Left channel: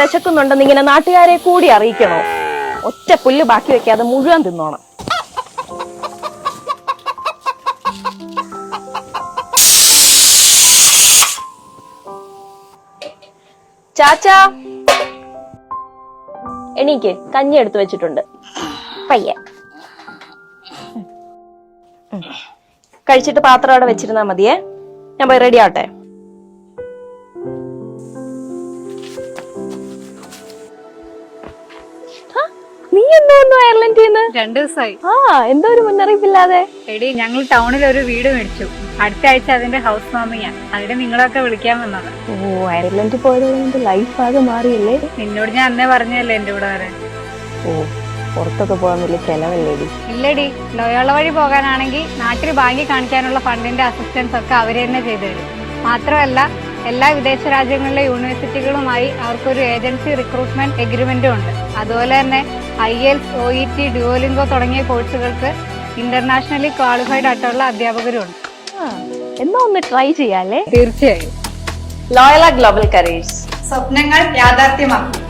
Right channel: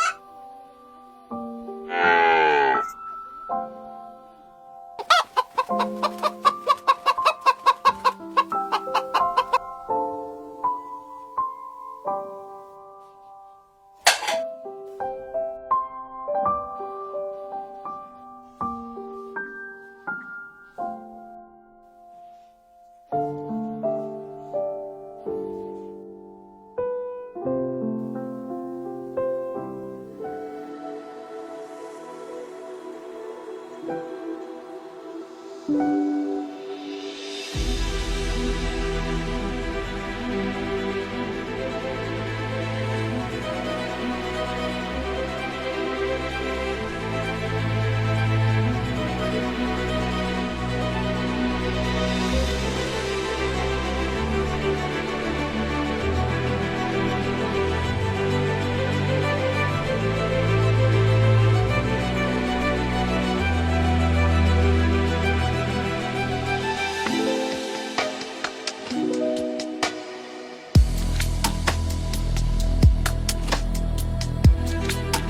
വിശക്കുന്നുണ്ടെന്ന് ഇങ്ങനെ നാട്ടുകാരെ കൂടി അറിയിക്കണോ? ഒറ്റ പുല്ല് ബാക്കി വെക്കാതെ മുഴുവൻ തിന്നോണം. ചാച്ചാ എണീക്ക്, കഞ്ഞി എടുത്തു വെച്ചിട്ടുണ്ട്. പയ്യെ കഴിച്ചിട്ട് പാത്രം അവിടെ വെച്ചിരുന്നാ മതിയേ. ഞാൻ പോയി റെഡി ആവട്ടെ. നീ എന്തോ വന്നു അയർലൻഡിൽ നിന്ന്? 2 ദിവസമായി. എന്തോ ഒരു മുന്നറിയിപ്പില്ലാതെ? എടി, ഞങ്ങൾ ടൗണിൽ ഒരു വീട് മേടിച്ചു. അടുത്ത ആഴ്ച അതിന്റെ ഹൗസ് വാമിങ്ങാ. അതിന് നിങ്ങളൊക്കെ വിളിക്കാൻ വന്നത്. ഓ, അയർലൻഡിൽ പോയത് ലൈഫ് ആകെ മാറിയല്ലേ? നിന്നോട് ഞാൻ അന്നേ പറഞ്ഞല്ലേ എന്റെ കൂടെ വരാൻ. ഓ, പുറത്തൊക്കെ പോകാൻ വലിയ ചെലവല്ലേ? ഇല്ലടി, ലോയോള വഴി പോകാനാണെങ്കിൽ നാട്ടിൽ ബാങ്കിൽ കാണിക്കാനുള്ള ഫണ്ടിന്റെ അസിസ്റ്റൻസ് ഒക്കെ അവര് തന്നെ ചെയ്തുതരും. മാത്രമല്ല, എല്ലാ വിദേശ രാജ്യങ്ങളിലെ യൂണിവേഴ്സിറ്റികളുമായി അവർക്കൊരു ഏജൻസി റിക്രൂട്ട്മെന്റ് എഗ്രിമെന്റും ഉണ്ട്. അതുപോലെ തന്നെ IELTS, OET, ഡ്യുവോലിംഗോ തുടങ്ങിയ കോഴ്സുകൾക്ക് ഇന്റർനാഷണലി ക്വാളിഫൈഡ് ആയിട്ടുള്ള അധ്യാപകരും ഉണ്ട്. എന്നാ ഒന്ന് ട്രൈ ചെയ്യാല്ലേ? തീർച്ചയായും. ലോയോള ഗ്ലോബൽ കരിയേഴ്സ്, സ്വപ്നങ്ങൾ യാഥാർത്ഥ്യമാക്കും.